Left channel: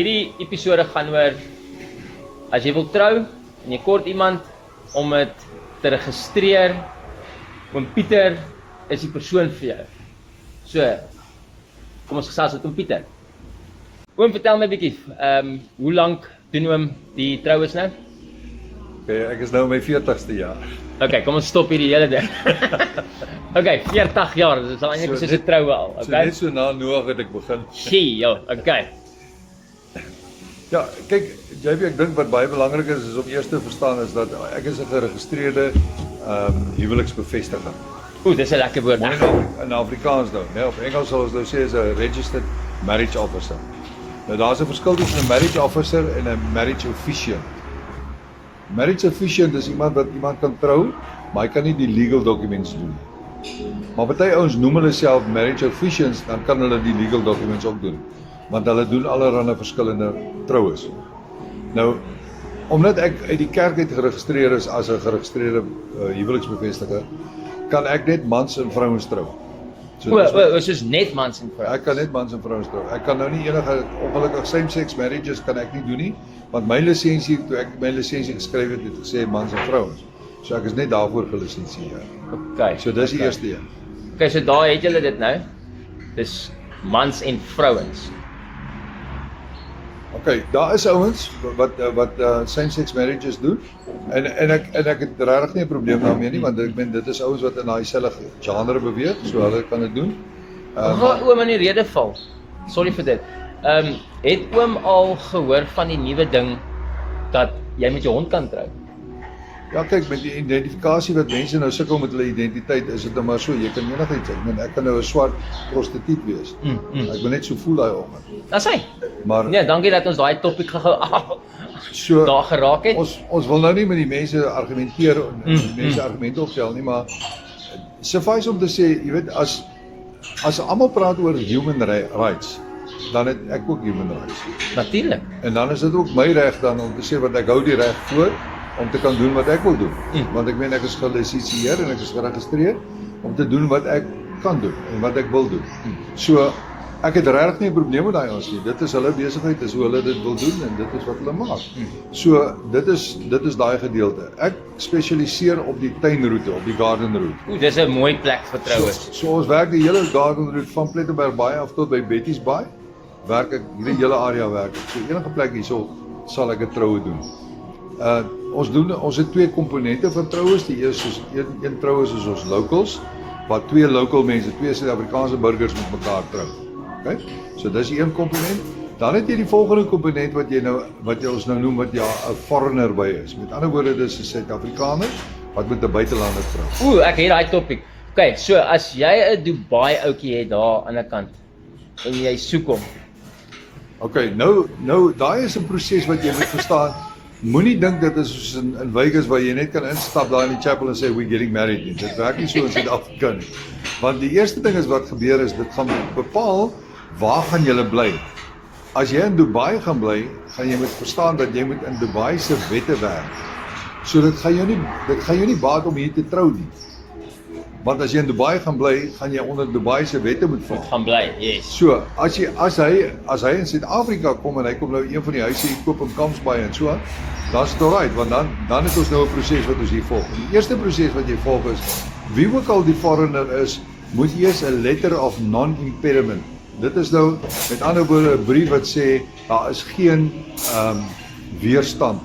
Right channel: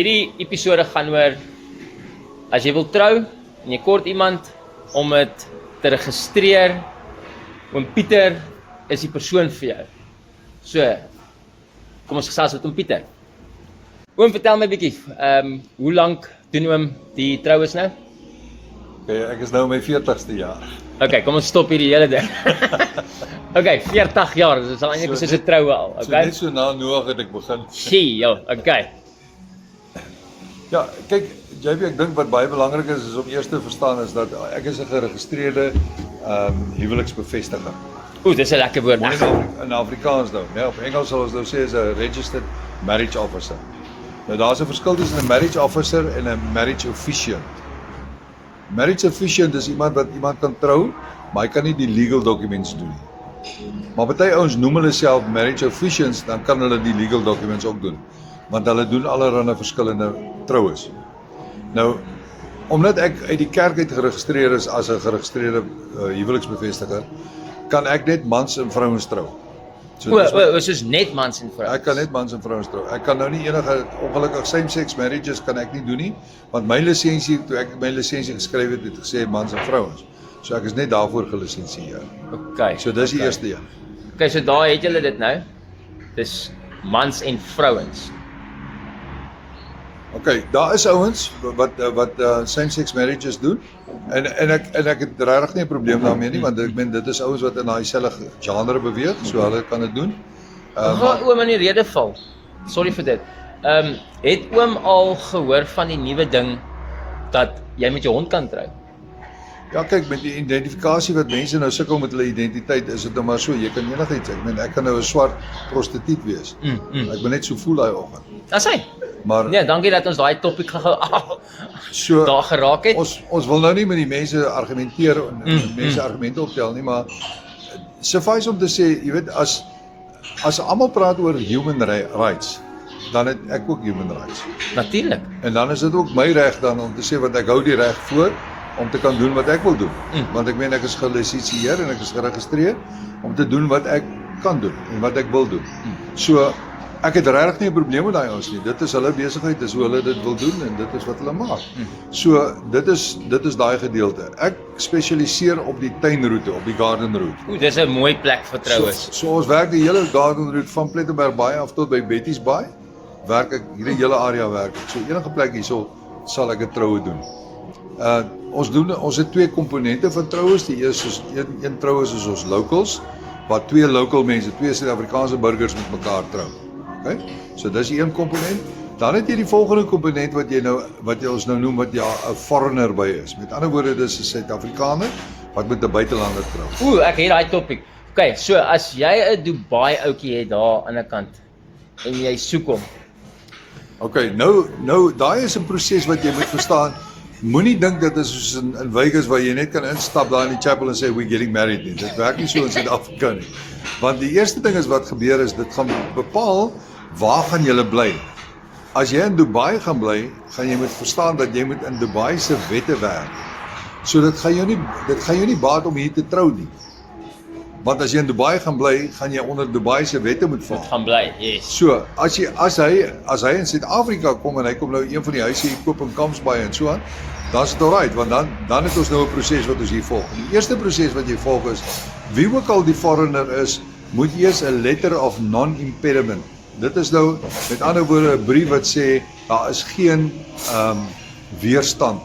Hierdie episode gaan oor, as jy wil trou, en jy kort iemand om het te registreer, oom Pieter is die persoon vir jou. So, kom ons gesels met oom Pieter. Oom, vertel my 'n bietjie, hoe lank doen oom die troues nou? Okay, ek is nou in my 40ste jaar. Okay, kom ons stop hierdie hele ding. Okay, 40 jaar, dis al eintlik soos 'n troue al, So okay? net so na Noag het ek begin. Gee, joh, okay. Ja, kyk, JB, ek dink wat baie belangrik is om eers te verstaan is dat ek is 'n geregistreerde huweliksbevestiger. Oeh, dis 'n lekker woord. Maar in Afrikaans nou, né? Op Engels sal ons nou sê is 'n registered marriage officer. Nou daar's 'n verskil tussen 'n marriage officer en 'n marriage officiant. Marriage officiant is iemand wat iemand kan trou, maar hy kan nie die legal documents doen nie. Maar baie ouens noem hulle self marriage officiants, dan kan hulle die legal documents ook doen. Want hulle doen allerlei verskillende troues. Nou, omdat ek uit die kerk uit geregistreer is as 'n geregistreerde huweliksbevestiger, kan ek net mans en vrouens trou. Soos net mans en vrouens. Ek kan net mans en vrouens trou. Ek kan nou nie enige ongelukkig same-sex marriages kan ek nie doen nie, want my lisensie, toe ek my lisensie geskryf het, het gesê mans en vrouens. So ek is net daarvoor gelisensieer. Okay. So dis die eerste een. Okay, so daar het julle dit nou. Dis mans en vrouens. Okay, daar is ouens wat same-sex marriages doen en ek het regtig nie 'n probleem daarmee nie, want ek meen dit is ouens wat in daai selfde genre beweeg, so hulle kan dit doen. Gaan oom in die rede val. Sorry vir dit. Het oom al gehoor van die nuwe ding dat jy met jou hond kan trou? Ja, kyk, met die identifikasie wat mense nou sukkel met hulle identiteit, is dit nou maar so, jy kan enigiets, ek meen ek kan nou 'n swart prostituut wees. Ek wil net so voel daai oggend. Dis hy. Maar Nee, dankie dat ons daai topik gehou so daar geraak het. Ons wil nou nie met die mense argumenteer en die mense argumente optel nie, maar suffice om te sê, jy weet, as almal praat oor human rights, dan het ek ook human rights. Natuurlik. En dan is dit ook my reg dan om te sê wat ek hou die reg voor om te kan doen wat ek wil doen. Want ek meen ek is gelisensieer en ek is geregistreer om te doen wat ek kan doen en wat ek wil doen. So ek het regtig nie 'n probleem met daai ons nie. Dit is hulle besigheid, dis hoe hulle dit wil doen en dit is wat hulle maak. So dit is daai gedeelte. Ek spesialiseer op die tuinroete, op die garden route. Oeh, dis 'n mooi plek vir troues. So ons werk die hele garden route van Plettenberg Baai af tot by Betty's Baai. Werk ek hierdie hele area werk ek. So enige plek hierso sal ek 'n troue doen. Ons het twee komponente van troues. Die eerste is een troue is ons locals, waar twee local mense, twee Suid-Afrikaanse burgers met mekaar trou. Okay? So dis die een komponent. Dan het jy die volgende komponent wat jy ons nou noem wat 'n foreigner by is. Met ander woorde, dis 'n Suid-Afrikaner wat met 'n buitelander trou. Oeh, ek het daai topik. Okay, so as jy 'n Dubai ouetjie het daar aan die kant en jy soek hom. Okay, nou daai is 'n proses wat jy moet verstaan. Moenie dink dit is soos in Vegas waar jy net kan instap daar in die chapel en sê we're getting married nie. Dit werk nie so in Suid-Afrika nie. Want die eerste ding is wat gebeur is dit gaan bepaal waar gaan jy bly. As jy in Dubai gaan bly, gaan jy moet verstaan dat jy moet in Dubai se wette werk. So dit gaan jou nie baat om hier te trou nie. Want as jy in Dubai gaan bly, gaan jy onder Dubai se wette moet val. Gaan bly, yes. So, as hy in Suid-Afrika kom en hy kom nou een van die huise hier koop in Kamsbaai en so aan, dan is dit alright, want dan het ons nou 'n proses wat ons hier volg. Die eerste proses wat jy volg is, wie ook al die foreigner is, moet eers 'n letter of non-impediment. Dit is nou met ander woorde 'n brief wat sê daar is geen weerstand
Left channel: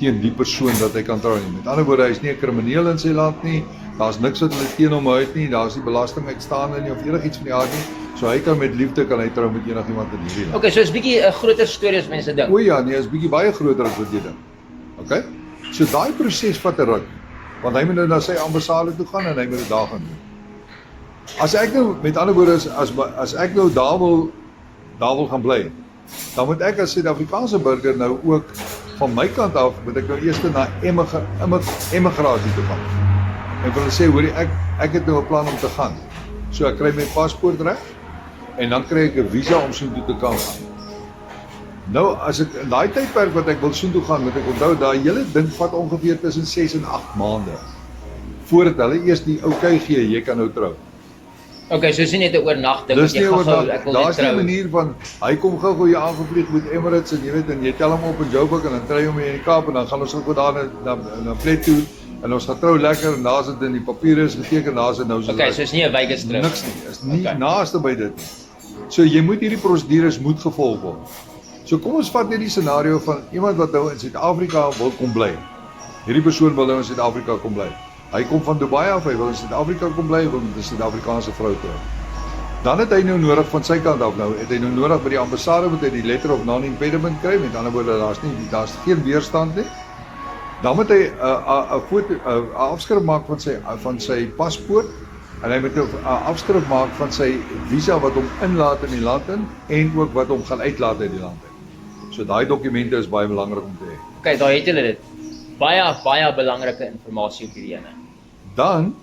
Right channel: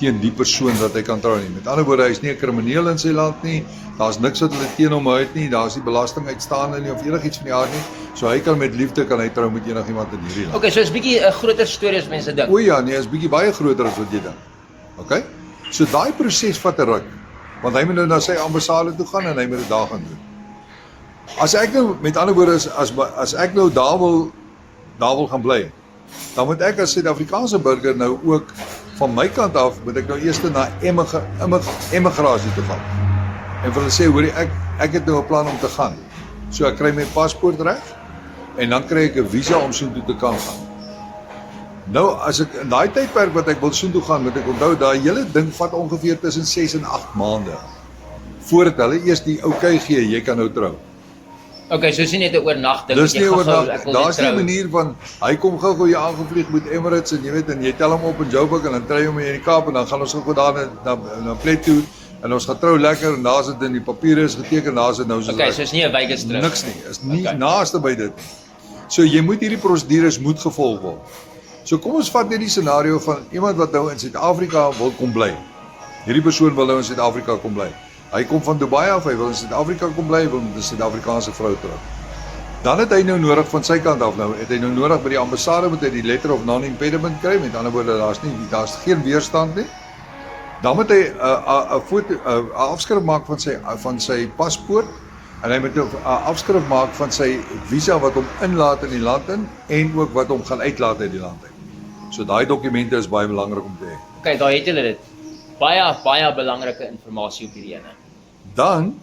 teen die persoon wat hy kan trou nie. Met ander woorde, hy is nie 'n krimineel in sy land nie. Daar's niks wat hulle teen hom uit nie. Daar's nie belasting uitstaande nie of enigiets van die aard nie. So hy kan met liefde trou met enigiemand in hierdie land. Okay, so is bietjie 'n groter storie as mense dink. O ja, nee, is bietjie baie groter as wat jy dink. Okay? So daai proses vat 'n ruk. Want hy moet nou na sy ambassade toe gaan en hy moet dit daar gaan doen. As ek nou met ander woorde as ek nou daar wil gaan bly, dan moet ek as Suid-Afrikaanse burger nou ook van my kant af moet ek nou eers na emigrasie toe gaan. En vir hulle sê, hoorie, ek het nou 'n plan om te gaan. So ek kry my paspoort reg en dan kry ek 'n visa om soontoe te kan gaan. Nou, as ek in daai tydperk wat ek wil soontoe gaan, moet ek onthou daai hele ding vat ongeveer tussen 6 en 8 maande voordat hulle eers die okay gee, jy kan nou trou. Okay, so is nie net 'n oornag ding Dis nie gou-gou, oordag, ek wil net daar's nie 'n trou. manier van, hy kom gou-gou hier aangevlieg met Emirates en jy weet, en jy tel hom op in Joburg en dan kry jy hom hier in die Kaap en dan gaan ons gou daar na plek toe en ons gaan trou lekker en daar's dit in die papiere is geteken, daar's dit nou so. Okay, so is nie 'n Vegas trip. Niks nie, is nie Okay. naaste by dit. So jy moet hierdie prosedures moet gevolg word. So kom ons vat net die scenario van iemand wat nou in Suid-Afrika wil kom bly. Hierdie persoon wil nou in Suid-Afrika kom bly. Hy kom van Dubai af, hy wil in Suid-Afrika kom bly, wil met 'n Suid-Afrikaanse vrou trou. Dan het hy nou nodig van sy kant af nou, het hy nou nodig by die ambassade moet hy die letter of non-impediment kry, met ander woorde daar's geen weerstand nie. Dan moet hy 'n foto 'n afskrif maak van sy paspoort en hy moet 'n afskrif maak van sy visa wat hom inlaat in die land in en ook wat hom gaan uitlaat uit die land uit. So daai dokumente is baie belangrik om te hê. Okay, daar het julle dit. Baie belangrike inligting op hierdie ene. Dan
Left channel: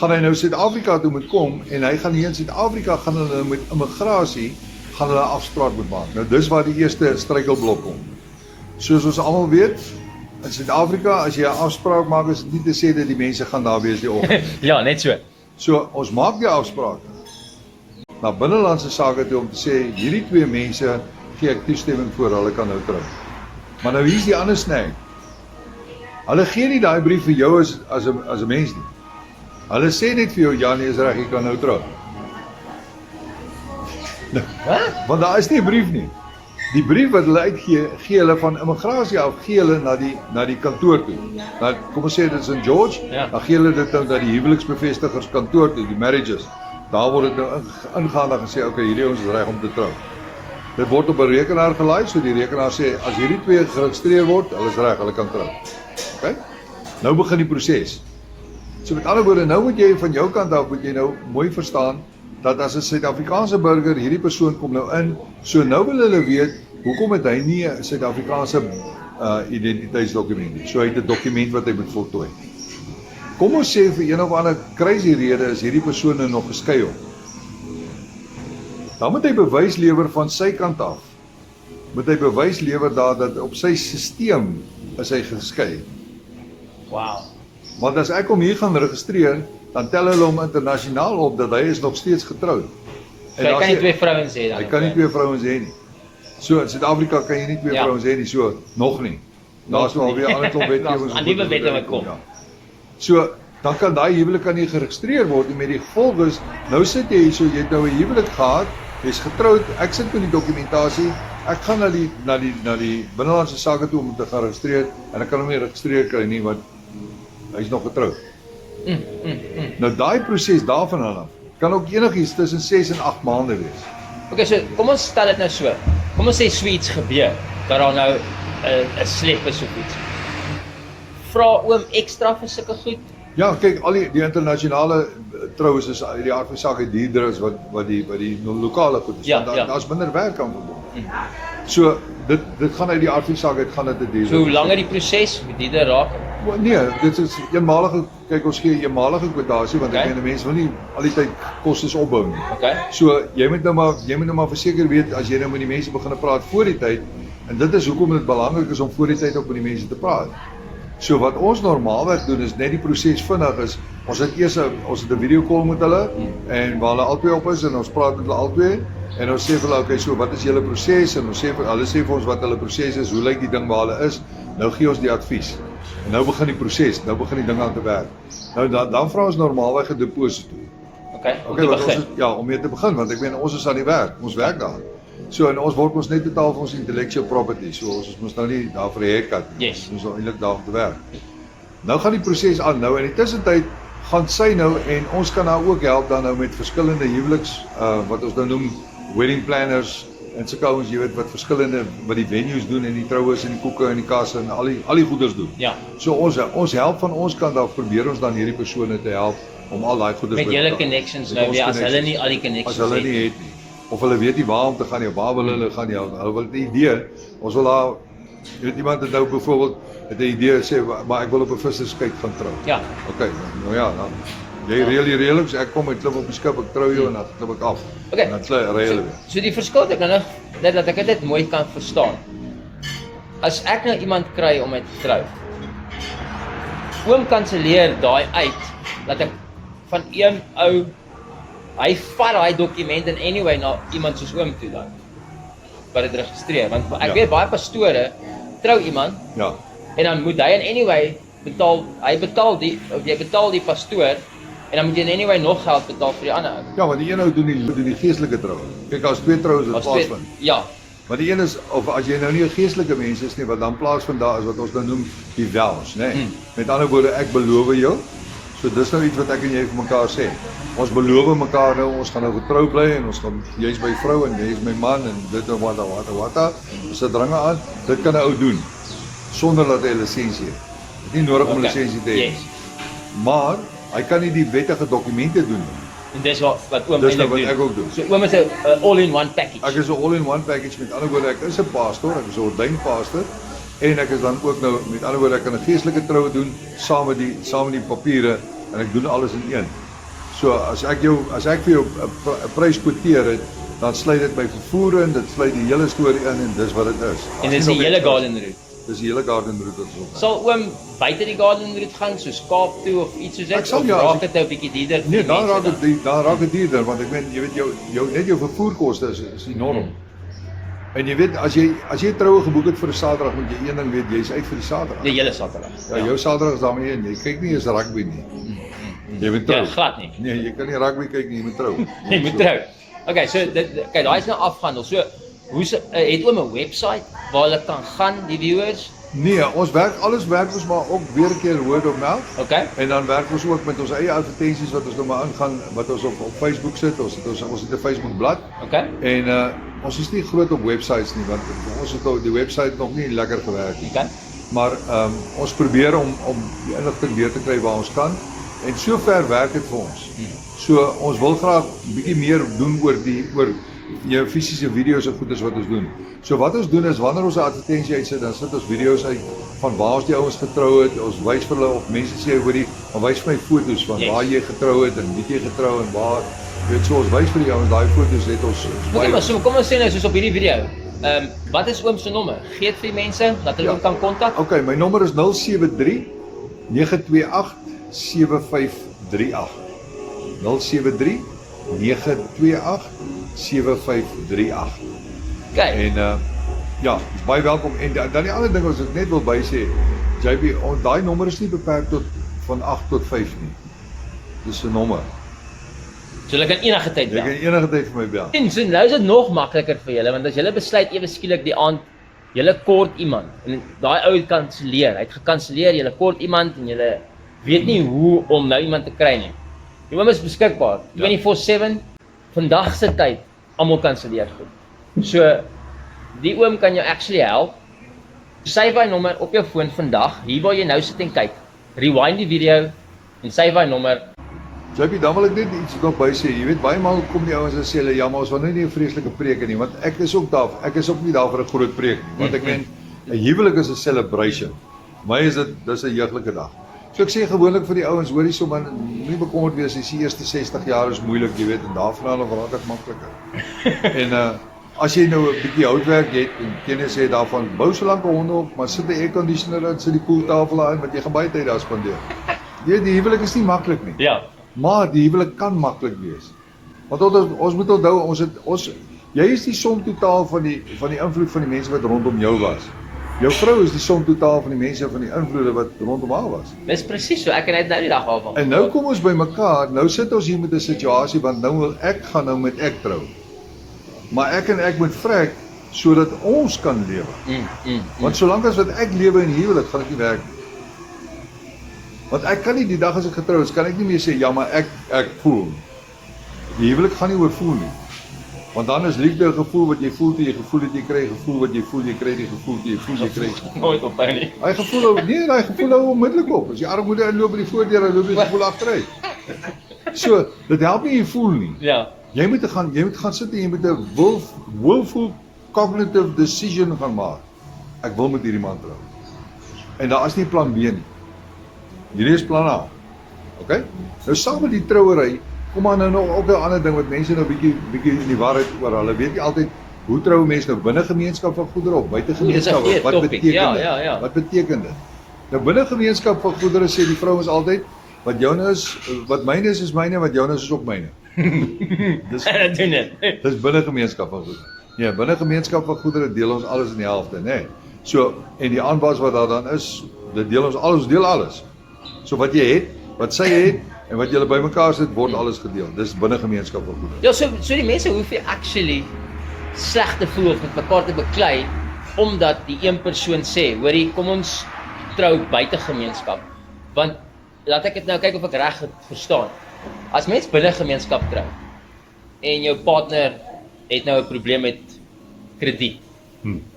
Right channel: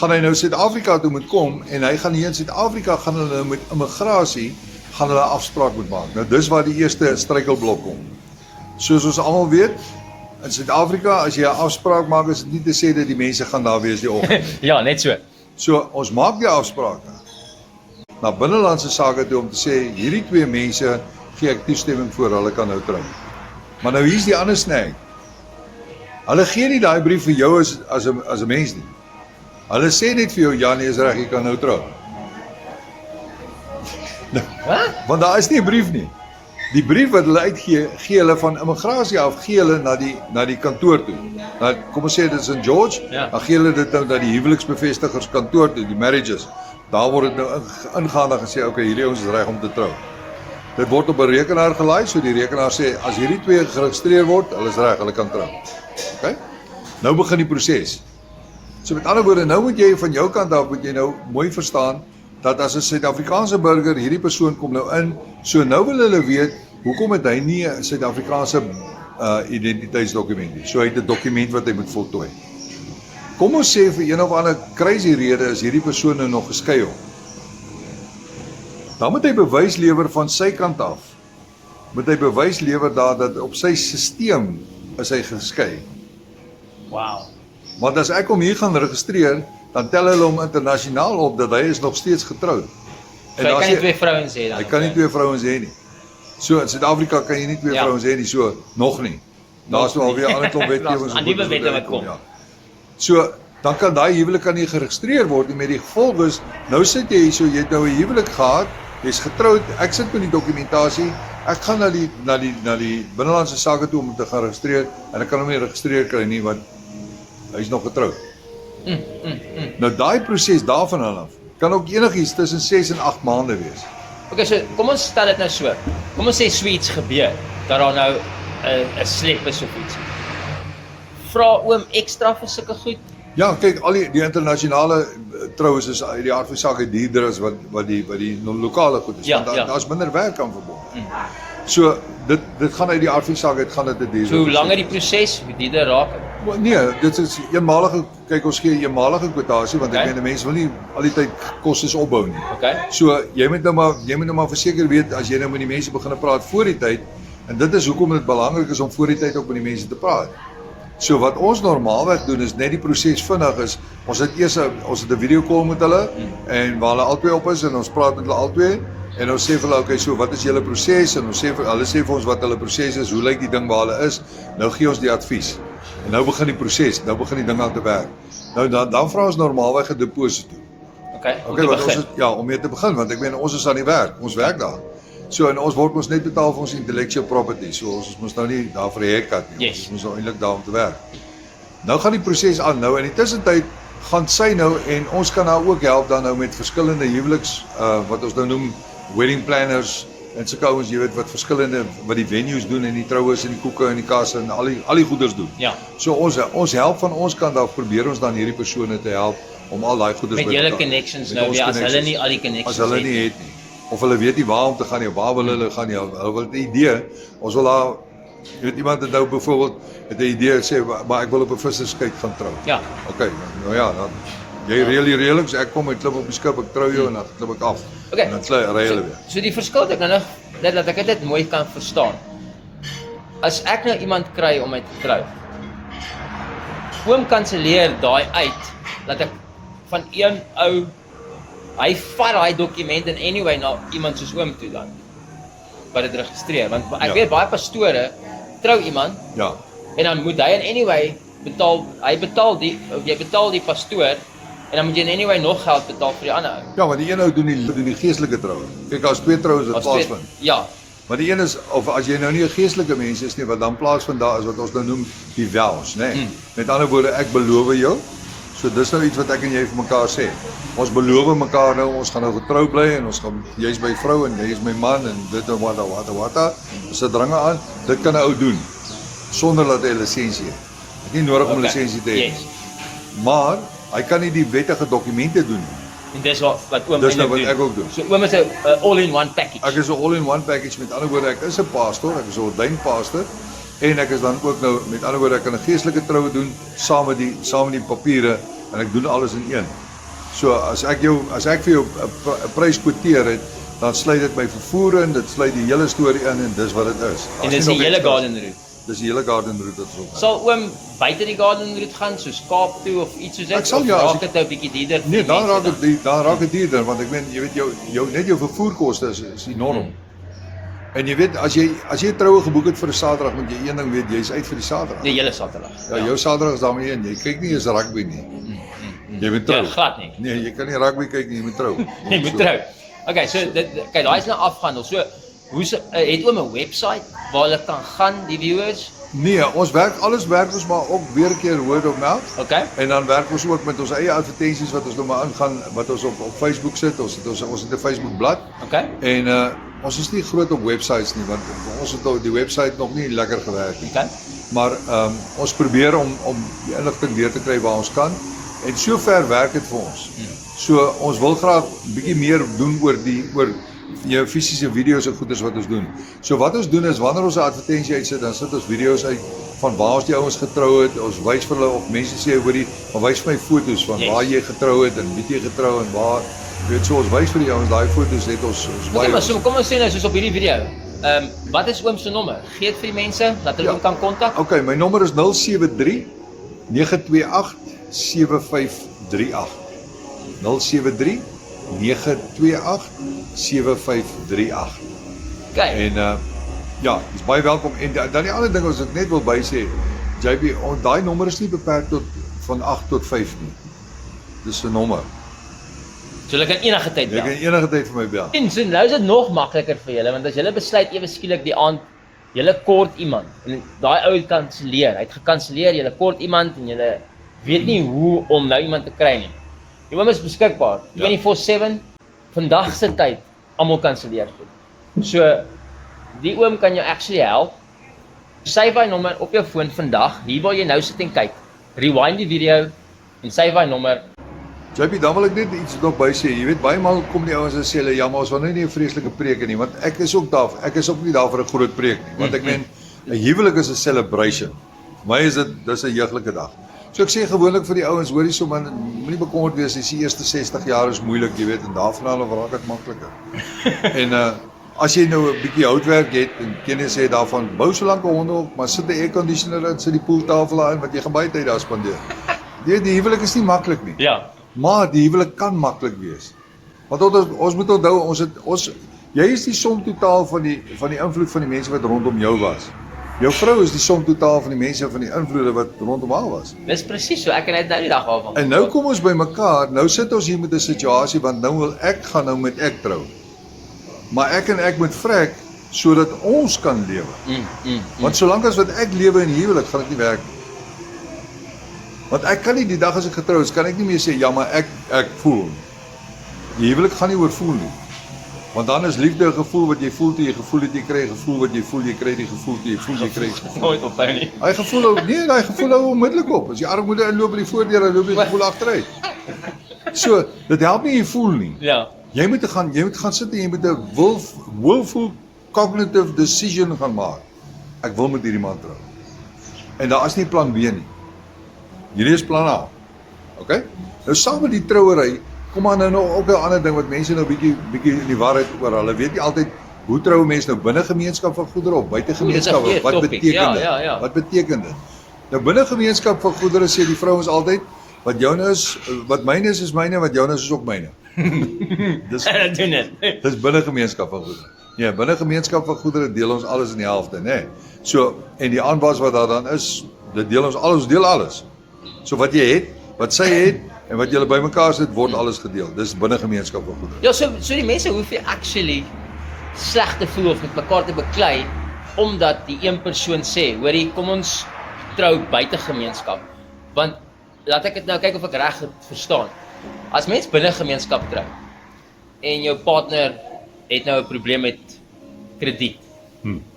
gaan hy nou Suid-Afrika toe moet kom en hy gaan hier in Suid-Afrika gaan hulle met immigrasie gaan hulle 'n afspraak moet maak. Nou dis waar die eerste struikelblok kom. Soos ons almal weet, in Suid-Afrika as jy 'n afspraak maak, is dit nie te sê dat die mense gaan daar wees die oggend. Ja, net so. So ons maak die afspraak na binnelandse sake toe om te sê hierdie twee mense gee ek toestemming voor hulle kan nou trou. Maar nou hier's die ander snack. Hulle gee nie daai brief vir jou as 'n mens nie. Hulle sê net vir jou ja nee is reg, jy kan nou trou. Nou, want daar is nie 'n brief nie. Die brief wat hulle uitgee, gee hulle van immigrasie af, gee hulle na die kantoor toe. Nou, kom ons sê dit is in George, Ja. dan gee hulle dit nou na die huweliksbevestigers kantoor toe, die marriages. Daar word dit nou ingaan en gesê, okay, hierdie ons is reg om te trou. Dit word op 'n rekenaar gelaai, so die rekenaar sê as hierdie twee geregistreer word, hulle is reg, hulle kan trou. Okay? Nou begin die proses. So met ander woorde, nou moet jy van jou kant af moet jy nou mooi verstaan dat as 'n Suid-Afrikaanse burger hierdie persoon kom nou in, so nou wil hulle weet hoekom het hy nie 'n Suid-Afrikaanse identiteitsdokument nie. So hy het 'n dokument wat hy moet voltooi. Kom ons sê vir een of ander crazy rede is hierdie persoon nou nog geskei. Dan moet hy bewys lewer van sy kant af. Moet hy bewys lewer dat op sy stelsel is hy geskei. Wow. Want as ek hom hier gaan registreer, dan tel hulle hom internasionaal op dat hy is nog steeds getroud. So hy kan nie twee vrouens hê dan. Hy kan nie twee vrouens hê nie. So in Suid-Afrika kan jy nie twee vrouens hê nie, so nog nie. Daar's nou alweer 'n ander klomp wetgewings. Aan nuwe wette wat kom. Ja. So dan kan daai huwelik kan nie geregistreer word nie met die gevolg is nou sit jy so jy het nou 'n huwelik gehad, jy's getroud, ek sit met die dokumentasie, ek gaan na die binnelandse sake toe om te gaan registreer en ek kan hom nie registreer kry nie want hy's nog getroud. Nou daai proses daarvan af kan ook enigiets tussen 6 en 8 maande wees. Okay, so kom ons stel dit nou so. Kom ons sê iets gebeur dat daar nou 'n slep is of iets. Vra oom ekstra vir sulke goed? Ja, kyk, al die internasionale troues is uit die aard van sake duurder as wat die lokale goed is. Ja, Want daar's minder werk aan verbonden. So dit gaan uit die aard van sake, dit gaan dit duurder. So hoe langer die proses, hoe duurder raak dit? Maar nee, dit is eenmalige, kyk ons gee eenmalige kwotasie want ek meen mense wil nie al die tyd kostes opbou nie. Okay. So jy moet nou maar verseker weet as jy nou met die mense begin praat voor die tyd en dit is hoekom dit belangrik is om voor die tyd ook met die mense te praat. So wat ons normaalweg doen is net die proses vinnig is ons het 'n video call met hulle en waar hulle albei op is en ons praat met hulle albei en ons sê vir hulle okay, so wat is julle proses en ons sê hulle sê vir ons wat hulle proses is, hoe lyk die ding waar hulle is, nou gee ons die advies. En nou begin die proses, nou begin die ding aan te werk. Nou dan vra ons normaalweg 'n deposito. Okay, om Okay, te want begin. om mee te begin want ek meen ons is aan die werk, ons werk daar. So en ons word ons net betaal vir ons intellectual property. So ons moet nou nie daar vir 'n haircut nie. Yes. Ons is eintlik daar om te werk. Nou gaan die proses aan. Nou in die tussentyd gaan sy nou en ons kan haar ook help dan nou met verskillende huweliks wat ons nou noem wedding planners en sulke ouens jy weet wat verskillende wat die venues doen en die troues en die koeke en die kasse en al die goeders doen. Ja. So ons help van ons kant af probeer ons dan hierdie persone te help om al daai goeders Met julle connections nou weer as hulle nie al die as connections hulle nie het nie. Of hulle weet nie waar om te gaan nie, waar wil hulle gaan nie. Hulle wil 'n idee. Ons wil daar weet iemand het nou byvoorbeeld het 'n idee sê maar ek wil op 'n visserskuit gaan trou. Ja. Okay, nou ja, dan jy reël die reëlings, ek kom en klim op die skip, ek trou jou en dan klim ek af. Okay. En dan reël hulle. So die verskil ek nou net dat ek dit mooi kan verstaan. As ek nou iemand kry om my te trou. Oom kanselleer daai uit dat ek van een ou hy vat daai dokument in anyway na iemand soos oom toe dan. Wat dit registreer, want ek weet baie pastore trou iemand Ja. en dan moet hy in anyway betaal, jy betaal die pastoor en dan moet jy in anyway nog geld betaal vir die ander ou. Ja, want die een ou doen die geestelike troue. Kyk, as twee troues wat plaasvind. Ja, Maar die een is, of as jy nou nie 'n geestelike mens is nie, wat dan plaasvind daar is wat ons nou noem die vows, né? Met ander woorde, ek beloof jou. So dis nou iets wat ek en jy vir mekaar sê. Ons beloof mekaar nou, ons gaan nou getrou bly en ons gaan jy's my vrou en jy is my man en dit en wat. Sit dringe aan. Dit kan 'n ou doen sonder dat hy 'n lisensie het. Dit is nie nodig om 'n lisensie te hê. Yes. Maar hy kan nie die wettige dokumente doen nie. En dis wat oom Dis nou eintlik wat doen. ek ook doen. So oom is 'n all-in-one package. Ek is 'n all-in-one package, met ander woorde ek is 'n pastor, ek is 'n ordained pastor en ek is dan ook nou met ander woorde ek kan 'n geestelike troue doen saam met die papiere en ek doen alles in een. So as ek vir jou 'n prys kwoteer het, dan sluit dit my vervoer in, dit sluit die hele storie in en dis wat dit is. En dis die hele garden route. Dis die hele garden route wat ons. Sal oom buite die garden route gaan soos Kaap toe of iets soos Ek dit sal of ja, raak dit 'n bietjie duurder? Nee, dan raak dit duurder want ek weet jy weet jou vervoerkoste is enorm. En jy weet as jy troue geboek het vir 'n Saterdag, moet jy een ding weet, jy's uit vir die Saterdag. Die hele Saterdag. Ja, jou Saterdag is daarmee een. Jy kyk nie eens rugby nie. Jy moet trou. Ja, glad nie. Nee, jy kan nie rugby kyk nie, jy moet trou. Jy moet trou. Okay, so kyk, daai is nou afgehandel. So het oom 'n webwerf waar hulle kan gaan, die viewers? Nee, alles werk ons maar ook weer 'n keer word of not. Okay. En dan werk ons ook met ons eie advertensies wat ons nou maar ingaan, wat ons op Facebook sit. Ons het 'n Facebook bladsy. Okay. En ons is nie groot op websites nie want vir ons het die website nog nie lekker gewerk nie. Okay. Maar ons probeer om die inligting weer te kry waar ons kan en sover werk dit vir ons. So ons wil graag bietjie meer doen oor jou fisiese video's en goeders wat ons doen. So wat ons doen is wanneer ons 'n advertensie uitsit, dan sit ons video's uit van waar ons die ouens getrou het. Ons wys vir hulle of mense sê hoorie, maar wys vir my foto's van waar jy getrou het en wie jy getrou en waar. Weet so ons wys vir die ouens daai foto's het ons Kom ons sê nou soos op hierdie video. Wat is oom se nommer? Gee dit vir die mense dat hulle hom kan kontak. Okay, my nommer is 073 928 7538. 073 928 7538. Okay. En ja, dis baie welkom. En dan die ander ding wat ek net wil bysê, JB, daai nommer is nie beperk tot van 8 tot 5 nie. Dis 'n nommer. So hulle kan enige tyd Jy bel. kan enige tyd vir my bel. En so nou is dit nog makliker vir julle want as julle besluit ewe skielik die aand julle kort iemand en daai ou het kanselleer. Hy het gekanselleer, julle kort iemand en julle weet nie hoe om nou iemand te kry nie. Die oom is beskikbaar 24/7 vandag se tyd almal kanselleer goed. So die oom kan jou actually help. Save hy nommer op jou foon vandag, hier waar jy nou sit en kyk. Rewind die video en save hy nommer. JP, dan wil ek net iets nog by sê. Jy weet baie maal kom die ouens en sê hulle ja, maar ons wil nou nie 'n vreeslike preek nie, want ek is ook nie daar vir 'n groot preek nie, want ek meen 'n huwelik is 'n celebration. Vir my is dis 'n jeuglike dag. So ek sê gewoonlik vir die ouens, hoorie so man, moenie bekommerd wees, die eerste 60 jaar is moeilik, jy weet, en daarvan af raak dit makliker. En as jy nou 'n bietjie houtwerk het en kennis sê daarvan, bou so lank 'n honde op, maar sit 'n airconditioner in, sit die pooltafel daar in, want jy gaan baie tyd daar spandeer. Die huwelik is nie maklik nie. Ja. Maar die huwelik kan maklik wees. Want ons moet onthou, jy is die som totaal van die invloed van die mense wat rondom jou was. Jou vrou is die som totaal van die mense van die invloede wat rondom haar was. Dis presies so, ek het nou die dag waarvan. En nou kom ons by mekaar, nou sit ons hier met 'n situasie want nou wil ek gaan nou met ek trou. Maar ek moet vrek sodat ons kan lewe. Want solank as wat ek lewe in huwelik, gaan dit nie werk nie. Want ek kan nie die dag as ek getrou is, kan ek nie meer sê ja, maar ek voel. Die huwelik gaan nie oor voel nie. Want dan is liefde 'n gevoel wat jy voel toe jy gevoel het jy kry, 'n gevoel wat jy voel jy kry, die gevoel toe jy voel jy kry. Nooit ophou nie. Hy gevoel hou onmiddellik op. As jy armoede inloop by die voordeur, dan loop jy gevoel agteruit. So, dit help nie jy voel nie. Ja. Jy moet gaan sit en jy moet 'n willful cognitive decision gaan maak. Ek wil met hierdie man trou. En daar is nie plan B nie. Hierdie is plan A. Okay? Nou saam met die trouery, kom aan nou ook 'n ander ding wat mense nou bietjie in die war het oor. Hulle weet nie altyd hoe trou mense nou binne gemeenskap van goedere of buite gemeenskap. Wat beteken dit? Ja. Wat beteken dit? Nou binne gemeenskap van goedere sê die vrouens altyd wat joune is, wat myne is myne, wat joune is ook myne. Dis En doen dit. dis binne gemeenskap van goedere. Ja, binne gemeenskap van goedere deel ons alles in die helfte, né? So en die aanwas wat daar dan is, dit deel ons deel alles. So wat jy het, wat sy het en wat julle bymekaar sit, word alles gedeel. Dis binne gemeenskap van goedere. Ja, so die mense hoef nie actually sleg te voel of met mekaar te beklei omdat die een persoon sê, hoorie, kom ons trou buite gemeenskap. Want laat ek dit nou kyk of ek reg verstaan. As mens binne gemeenskap trou en jou partner het nou 'n probleem met krediet.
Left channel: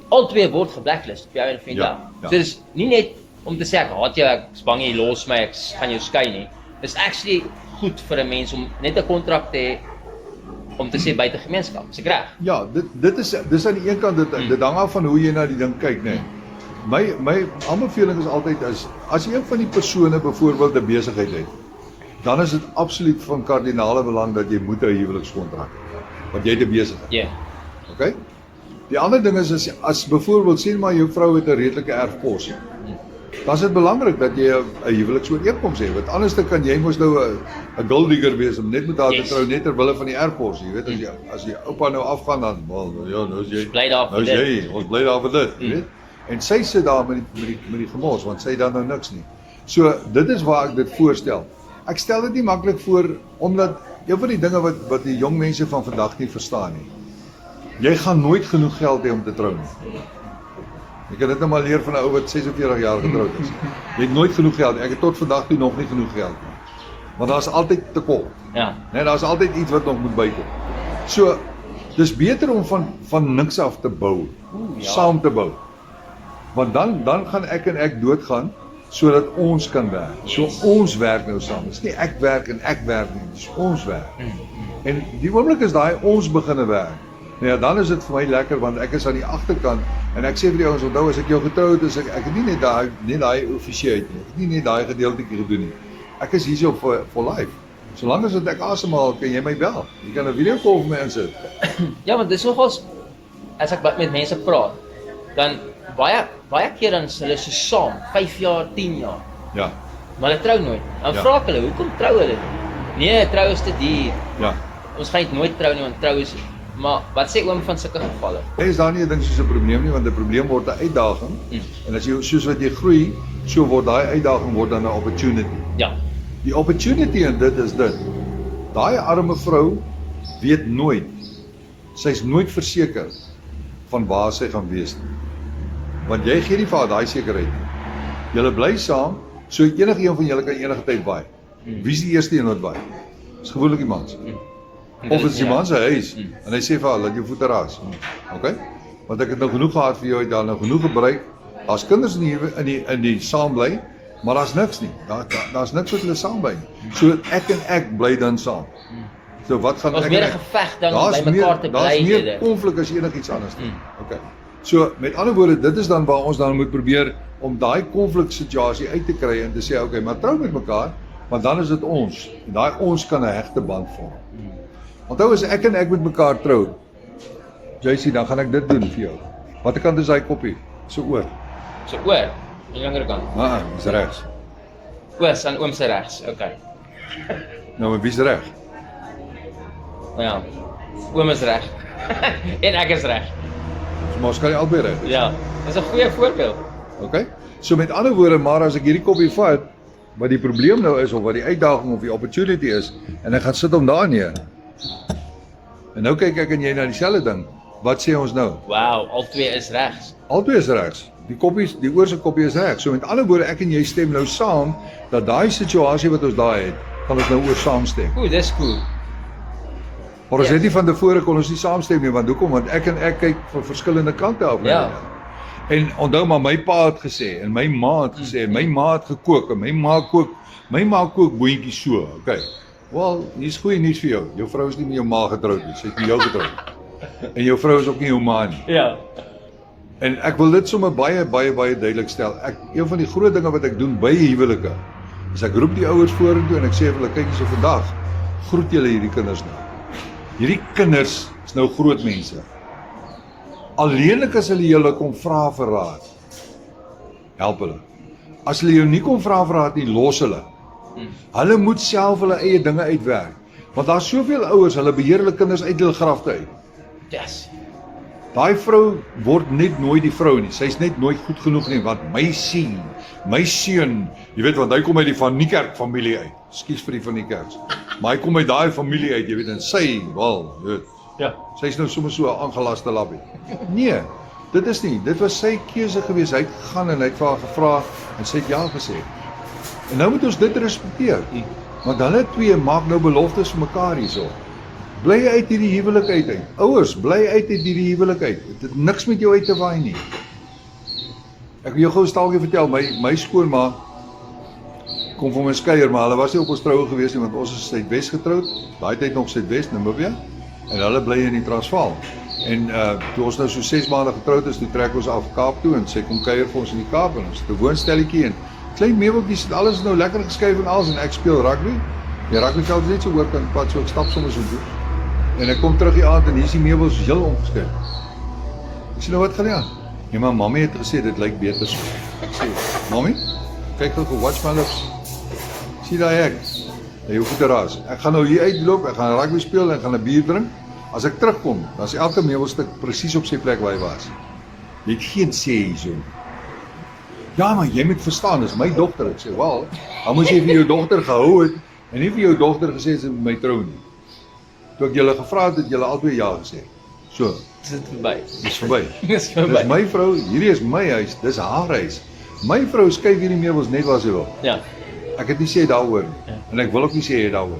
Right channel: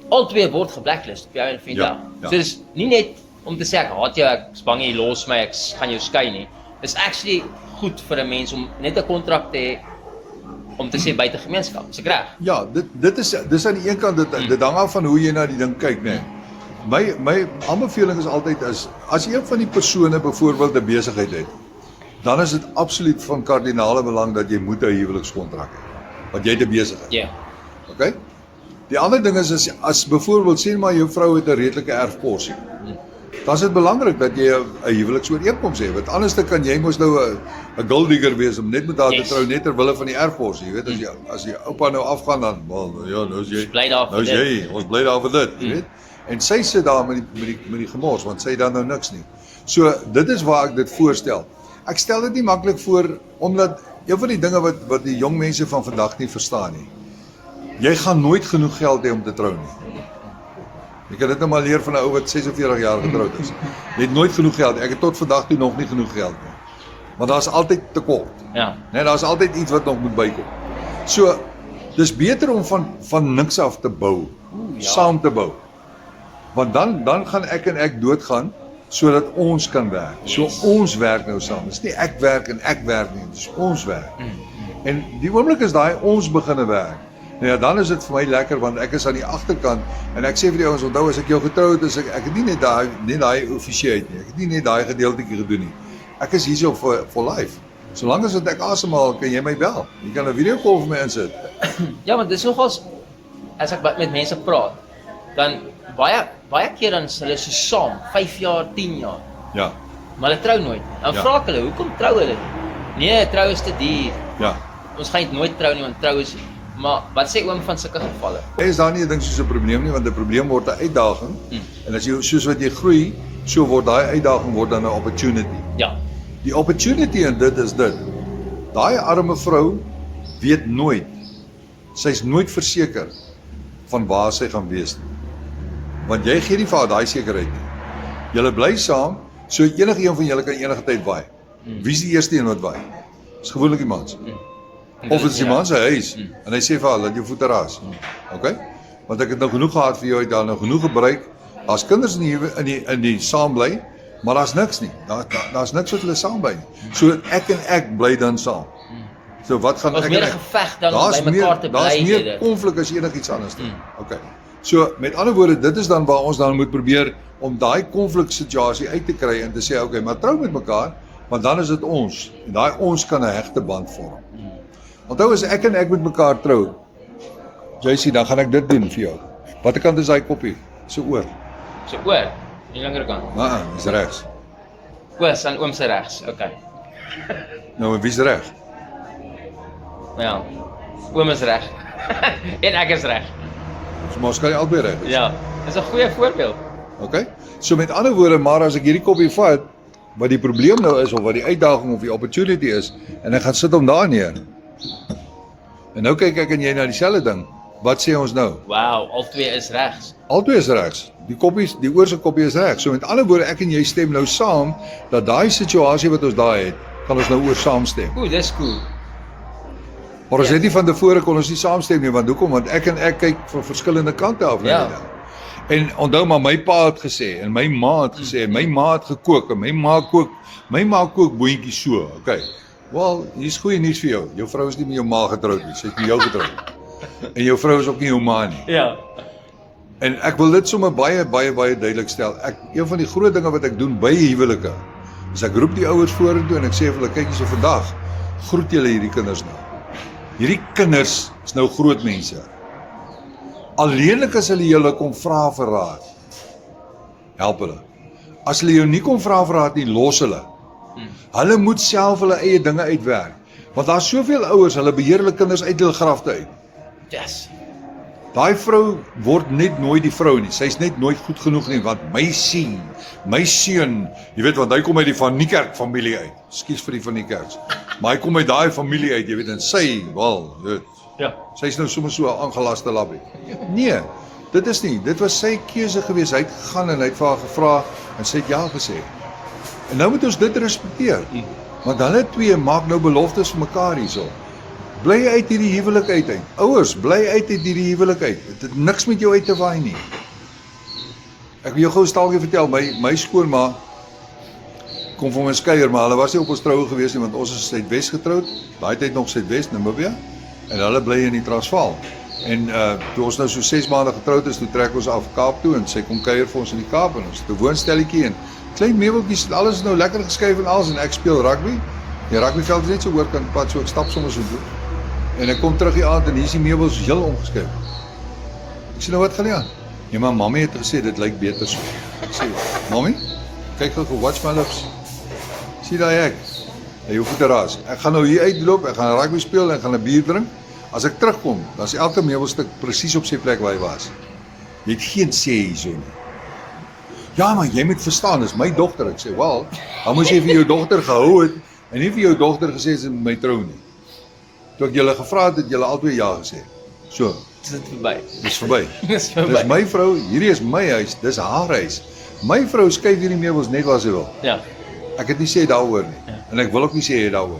Albei word geblacklist op jou en van Ja, So dis nie net om te sê ek haat jou, ek is bang jy los my, ek gaan jou skei nie. Dis actually goed vir 'n mens om net 'n kontrak te hê om te sê buite gemeenskap. Is ek reg? Ja, dis aan die een kant dit hang af van hoe jy na die ding kyk, né? My aanbeveling is altyd as een van die persone byvoorbeeld 'n besigheid het, dan is dit absoluut van kardinale belang dat jy moet 'n huwelikskontrak hê. Want jy het 'n besigheid. Ja. Okay? Die ander ding is as byvoorbeeld sê maar jou vrou het 'n redelike erfporsie. Dan is dit belangrik dat jy 'n huweliksooreenkoms het. Want anders dan kan jy mos nou 'n gold digger wees om net met haar te trou net ter wille van die erfporsie. Jy weet as jy oupa nou afgaan dan ja, nou is jy Bly daar vir nou is dit. jy, ons bly daar vir dit, jy weet. En sy sit daar met die gemors want sy het dan nou niks nie. So dit is waar ek dit voorstel. Ek stel dit nie maklik voor omdat een van die dinge wat die jong mense van vandag nie verstaan nie. Jy gaan nooit genoeg geld hê om te trou nie. Jy kan dit nou maar leer van 'n ou wat 46 jaar getroud is. Jy het nooit genoeg geld. Ek het tot vandag toe nog nie genoeg geld nie. Want daar's altyd tekort. Ja. Nee, daar's altyd iets wat nog moet bykom. So dis beter om van niks af te bou, saam te bou. Want dan gaan ek en ek doodgaan sodat ons kan werk. So ons werk nou saam. Dis nie ek werk en ek werk nie, dis ons werk. En die oomblik is daai ons beginne werk. Nou ja, dan is dit vir my lekker want ek is aan die agterkant en ek sê vir die ouens onthou as ek jou getrou het, ek het nie net daai offisiëteit nie. Ek het nie net daai gedeeltjie gedoen nie. Ek is hierso for life. Solank as ek asemhaal, kan jy my bel. Jy kan 'n video call vir my insit. Ja, want dis nogals as ek met mense praat, dan baie keer dan is hulle so saam, 5 jaar, 10 jaar. Ja. Maar hulle trou nooit. Dan vra ek hulle, hoekom trou hulle nie? Nee, trou is te duur. Ja. Ons gaan nooit trou nie, want trou is. Maar wat sê oom van sulke gevalle? Is daar nie 'n ding soos 'n probleem nie, want 'n probleem word 'n uitdaging. En as jy soos wat jy groei, so word daai uitdaging word dan 'n opportunity. Ja. Die opportunity in dit is dit. Daai arme vrou weet nooit. Sy's nooit verseker van waar sy gaan wees nie. Want jy gee nie vir haar daai sekerheid nie. Julle bly saam, so enige een van julle kan enige tyd waai. Wie is die eerste een wat waai? Dis gewoonlik die man. Of dit is die man se huis en hy sê vir haar, laat jou voete ras. Okay? Want ek het nou genoeg gehad vir jou, het daar nou genoeg gebruik. Daar's kinders in die saam bly, maar daar's niks nie. Daar's niks wat hulle saam bly nie. So ek bly dan saam. So wat gaan Ons ek meer en 'n ek? geveg dan Daar's by mekaar te bly. Daar's meer dit. konflik as enigiets anders nie. Okay. So met ander woorde, dit is dan waar ons dan moet probeer om daai konfliksituasie uit te kry en te sê okay, maar trou met mekaar, want dan is dit ons. En daai ons kan 'n hegte band vorm. Onthou as ek en ek met mekaar trou, JC, dan gaan ek dit doen vir jou. Watter kant is daai koppie? So oor. So oor, die langer kant. Dis regs. Oor, aan oom se regs. Okay. Nou, en wie's reg? Maar ja. Oom is reg. En ek is reg. So maar skei albei reg. Ja. Dis 'n goeie voorbeeld. Okay? So met ander woorde, maar as ek hierdie koppie vat, wat die probleem nou is of wat die uitdaging of die opportunity is en ek gaan sit hom daar neer. En nou kyk ek en jy na dieselfde ding. Wat sê ons nou? Wow, albei is regs. Albei is regs. Die oorse koppie is reg. So met ander woorde, ek en jy stem nou saam dat daai situasie wat ons daai het, gaan ons nou oor saamstem. Ooh, dis cool. Maar ons het nie van tevore kon ons nie saamstem nie, want hoekom? Want ek en ek kyk van verskillende kante af. Ja. En onthou maar my pa het gesê en my ma het gesê, my ma het gekook en my ma kook boontjies so. Okay. Wel, hier's goeie nuus vir jou. Jou vrou is nie met jou ma getroud nie, sy is met jou getroud. En jou vrou is ook nie jou ma nie. Ja. En ek wil dit sommer baie duidelik stel. Een van die groot dinge wat ek doen by huwelike, is ek roep die ouers vorentoe en ek sê vir hulle, kyk hierso vandag, groet julle hierdie kinders nou. Hierdie kinders is nou groot mense. Alleenlik as hulle julle kom vra vir raad, help hulle. As hulle jou nie kom vra vir raad nie, los hulle. Hulle moet self hulle eie dinge uitwerk. Want daar's soveel ouers, hulle beheer hulle kinders uit hulle grafte uit. Yes. Daai vrou word net nooit die vrou nie. Sy's net nooit goed genoeg nie, want my seun, jy weet want hy kom uit die Van Niekerk familie uit. Ekskuus vir die Van Niekerks. Maar hy kom uit daai familie uit, jy weet, en sy, wel, jy weet. Ja. Sy's nou sommer so 'n aangelaste lappie. Nee, dit was sy keuse geweest. Hy het gegaan en hy het vir haar gevra en sy het ja gesê. En nou moet ons dit respekteer. Want hulle twee maak nou beloftes vir mekaar hierso. Bly uit hierdie huwelik uit. Ouers, bly uit hierdie huwelik uit. Dit het niks met jou uit te waai nie. Ek wil jou gou 'n staaltjie vertel, my skoonma kom van 'n skeier, maar hulle was nie op ons troue gewees nie, want ons is Suidwes getroud. Daai tyd nog Suidwes, Namibia. En hulle bly in die Transvaal. En toe ons nou so 6 maande getroud is, toe trek ons af Kaap toe en sy kom kuier vir ons in die Kaap en ons het 'n woonstelletjie en klein meubeltjies, alles is nou lekker geskuif en alles en ek speel rugby. Die rugbyveld is net so oorkant die pad, so ek stap sommer so toe. En ek kom terug die aand en hier is die meubels heel omgeskuif. Ek sê nou wat gaan nie aan? Nee, maar mami het gesê dit lyk beter so. Ek sê, mami, kyk gou vir watch my lips. Sien daai ek? Jy hoef te raas. Ek gaan nou hier uitloop, ek gaan rugby speel en ek gaan 'n bier drink. As ek terugkom, dan is elke meubelstuk presies op sy plek waar hy was. Jy het geen sê hierso nie. Ja, maar jy moet verstaan, dis my dogter. Ek sê, wel, dan moes jy vir jou dogter gehou het en nie vir jou dogter gesê sy moet my trou nie. Toe ek julle gevra het julle albei ja gesê. So, Is dit verby? dis verby. Dis verby. Dis my vrou, hierdie is my huis, dis haar huis. My vrou skuif hierdie meubels net waar sy wil. Ja. Ek het nie sê daaroor nie. Ja. En ek wil ook nie sê daaroor.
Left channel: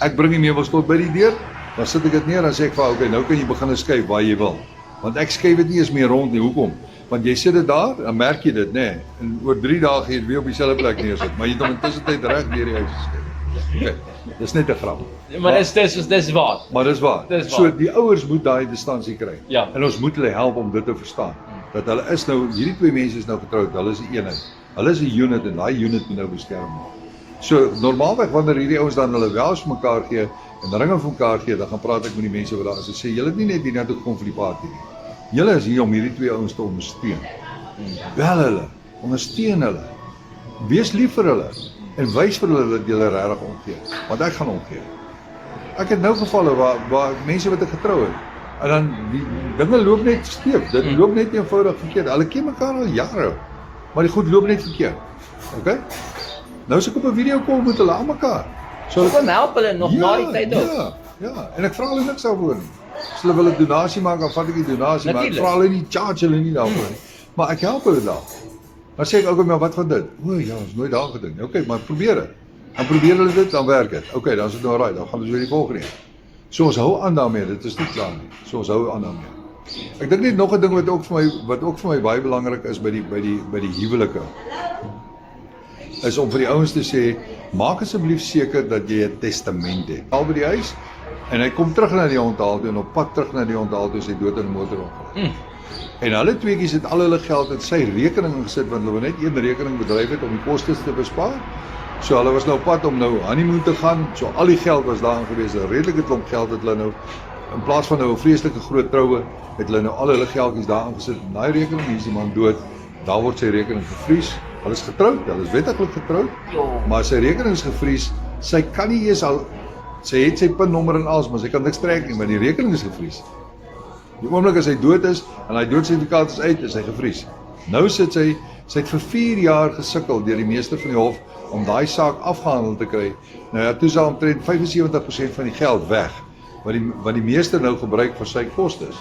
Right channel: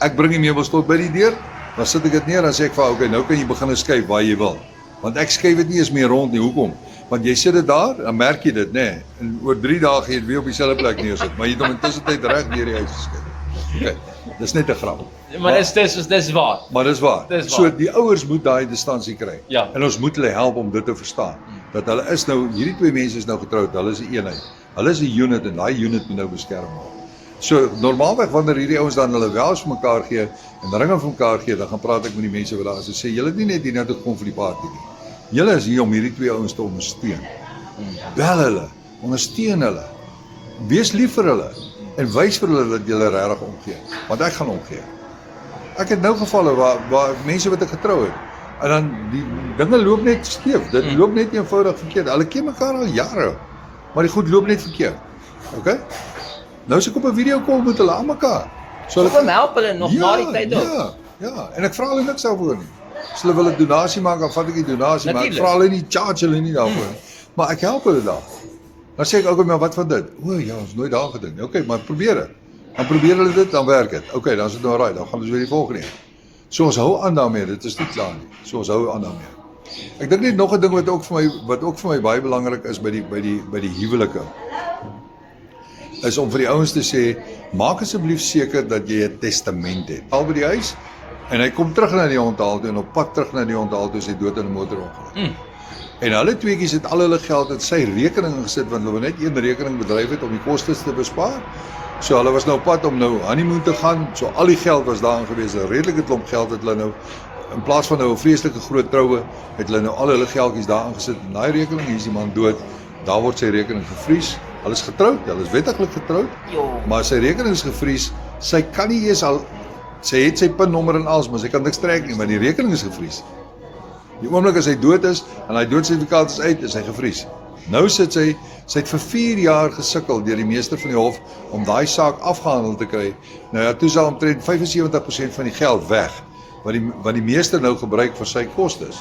Ek bring die meubels tot by die deur, dan sit ek dit neer en sê ek vir haar, okay, nou kan jy begin skuif waar jy wil. Want ek skuif dit nie eens meer rond nie. Hoekom? Want jy sit dit daar, dan merk jy dit, nê? En oor 3 dae gaan jy dit weer op dieselfde plek neersit, maar jy het hom intussen tyd reg deur die huis geskuif. Okay. Dis net 'n grap. Maar dis waar. Maar dis waar. Dis waar. So die ouers moet daai distansie kry. Ja. En ons moet hulle help om dit te verstaan. Dat hulle is nou, hierdie twee mense is nou getroud, hulle is 'n eenheid. Hulle is 'n unit en daai unit moet nou beskerm word. So normaalweg wanneer hierdie ouens dan hulle wels vir mekaar gee en ringe vir mekaar gee, dan gaan praat ek met die mense wat daar is en sê julle het nie net hier nou toe gekom vir die party nie. Julle is hier om hierdie twee ouens te ondersteun. Bel hulle, ondersteun hulle. Wees lief vir hulle en wys vir hulle dat julle regtig omgee, want ek gaan omgee. Ek het nou gevalle waar mense wat ek getrou het en dan die dinge loop net skeef. Dit loop net eenvoudig verkeerd. Hulle ken mekaar al jare, maar die goed loop net verkeerd. Okay? Nou as ek op 'n video call met hulle aan mekaar. So Kom help hulle nog na die tyd ook. Ja, en ek vra hulle niks daarvoor nie. As hulle wil 'n donasie maak, dan vat ek die donasie, maar ek Natuurlijk. vra hulle nie, charge hulle nie daarvoor nie. Maar ek help hulle daar. Dan sê ek ook, maar wat van dit? O ja, ons nooit daar gedink. Okay, maar probeer dit. Dan probeer hulle dit, dan werk dit. Okay, dan is dit nou reg, dan gaan ons weer die volgende een. So ons hou aan daarmee, dit is nie klaar nie. So ons hou aan daarmee. Ek dink net nog 'n ding wat ook vir my baie belangrik is by die huwelike. Is om vir die ouens te sê, maak asseblief seker dat jy 'n testament het. Al by die huis en hy kom terug na die onthaal toe en op pad terug na die onthaal toe is hy dood in 'n motorongeluk. En hulle tweeetjies het al hulle geld uit sy rekening gesit want hulle wou net een rekening bedryf het om die kostes te bespaar. So hulle was nou op pad om nou honeymoon te gaan. So al die geld was daarin gewees, 'n redelike klomp geld het hulle nou in plaas van nou 'n vreeslike groot troue, het hulle nou al hulle geldjies daarin gesit. En daai rekening, hier is die man dood. Daar word sy rekening gevries. Hulle is getroud, hulle is wettiglik getroud. Maar sy rekening is gevries. Sy kan nie eens al sy het sy pinnommer en alles, maar sy kan niks trek nie, want die rekening is gevries. Die oomblik as hy dood is en hy doodsertifikaat is uit, is hy gevries. Nou sit sy het vir 4 jaar gesukkel deur die meester van die hof om daai saak afgehandel te kry. Nou ja, toe is al omtrent 75% van die geld weg wat die meester nou gebruik vir sy kostes.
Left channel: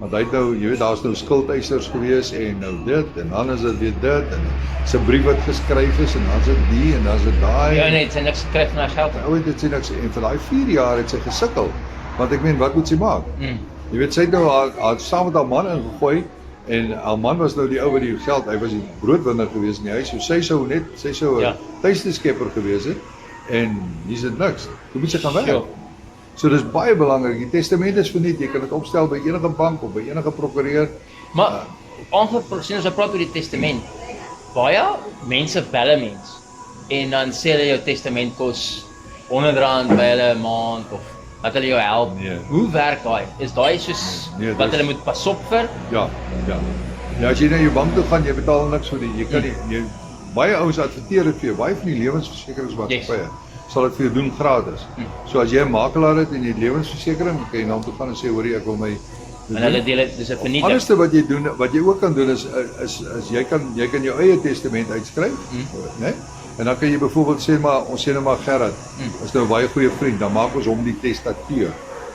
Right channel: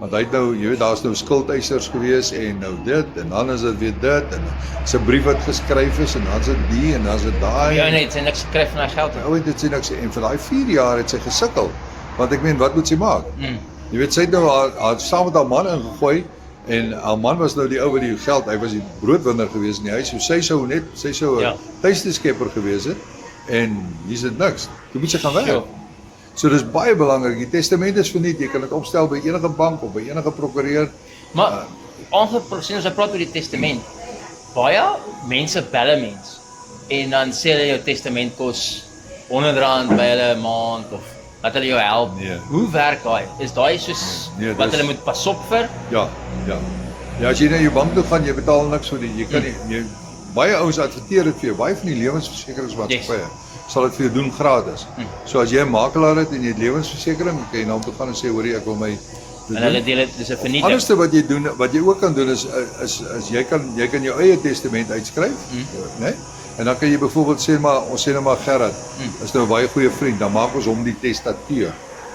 Want hy het nou, jy weet, daar's nou skuldeisers gewees en nou dit en dan is dit weer dit en sy brief wat geskryf is en dan is dit die en dan is dit daai. Ja, nee, sy niks gekry van haar geld. Nou dit sê niks en vir daai 4 jaar het sy gesukkel. Want ek meen, wat moet sy maak? Jy weet, sy het nou haar saam met haar man ingegooi en haar man was nou die ou wat die geld, hy was die broodwinner gewees in die huis, so sy sou 'n tuisteskepper gewees het en hier is dit niks. Jy moet sy gaan werk. Ja. So dis baie belangrik. Die testament is verniet. Jy kan dit opstel by enige bank of by enige prokureur. Maar aangesien as jy praat oor die testament, baie mense bel 'n mens en dan sê hulle jou testament kos R100 by hulle 'n maand of dat hulle jou help. Nee. Hoe werk daai? Is daai soos Nee, wat dis- hulle moet pas op vir? Ja. Ja, as jy na jou bank toe gaan, jy betaal niks vir die. Jy kan nie baie ouens adverteer dit vir jou. Baie van die lewensversekeringsmaatskappye sal dit vir jou doen gratis. So as jy 'n makelaar het en jy het lewensversekering, jy kan jy na hom toe gaan en sê hoor ek wil my En hulle deel dit, dis 'n vernietig. Anderste wat jy doen, wat jy ook kan doen is jy kan jou eie testament uitskryf, né? En dan kan jy byvoorbeeld sê maar ons sê nou maar Gerard is nou 'n baie goeie vriend, dan maak ons hom die testateur.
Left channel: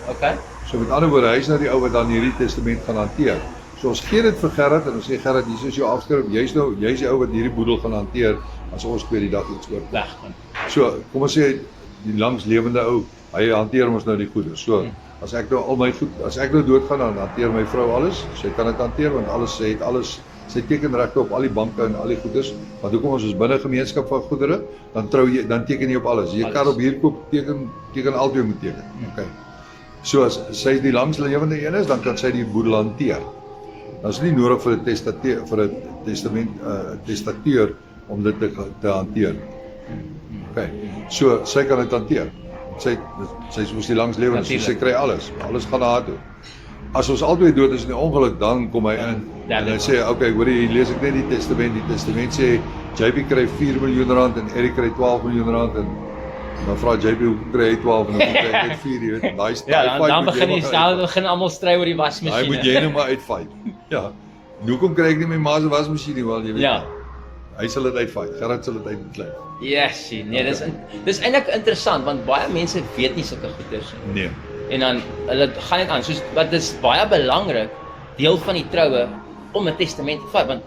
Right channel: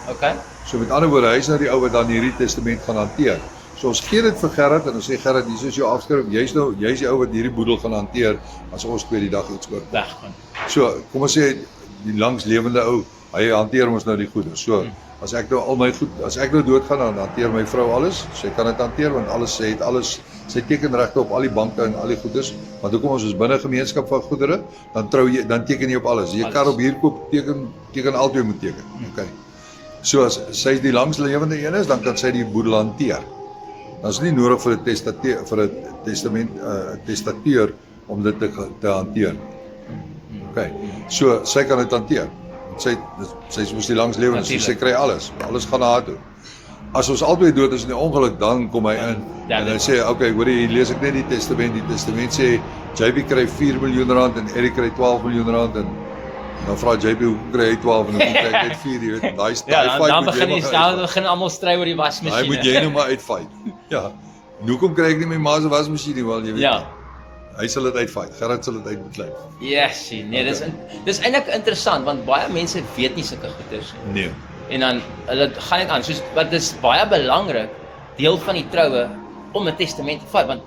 Okay. So met ander woorde, hy is nou die ou wat dan hierdie testament gaan hanteer. So ons gee dit vir Gerard en ons sê Gerard, hier is jou afskrif. Jy's die ou wat hierdie boedel gaan hanteer as ons twee die dag iets oor weggaan. So kom ons sê die langslewende ou, hy hanteer ons nou die goede. So as ek nou al my goed, as ek nou doodgaan dan hanteer my vrou alles. Sy kan dit hanteer want sy het alles, sy teken regte op al die banke en al die goederes. Want hoekom ons is binne gemeenskap van goedere, dan teken jy op alles. Jy kan op hier koop, teken albei moet teken. Okay. So as sy die langslewende een is, dan kan sy die boedel hanteer. Dan is nie nodig vir 'n testament testateur om dit te hanteer. Okay. So sy kan dit hanteer. Sy is mos die langslewende, so sy kry alles. Alles gaan na haar toe. As ons albei dood is in 'n ongeluk, dan kom hy in en dan sê hy, okay, hoor jy, lees ek net die testament. Die testament sê JB kry 4 miljoen rand en Eric kry 12 miljoen rand en dan vra JB hoe kry hy 12 en dan kry hy net 4, jy weet. Dan begin almal stry oor die wasmasjien. Hy moet jy nou maar uitfight. Ja. Hoekom kry ek nie my ma se wasmasjien nie, wel jy weet. Ja. Hy sal dit uitfight. Gerard sal dit uitklei. Yes, nee, dis eintlik interessant want baie mense weet nie sulke goeders nie. Nee. En dan hulle gaan dit aan, soos wat is baie belangrik deel van die troue om 'n testament te vat want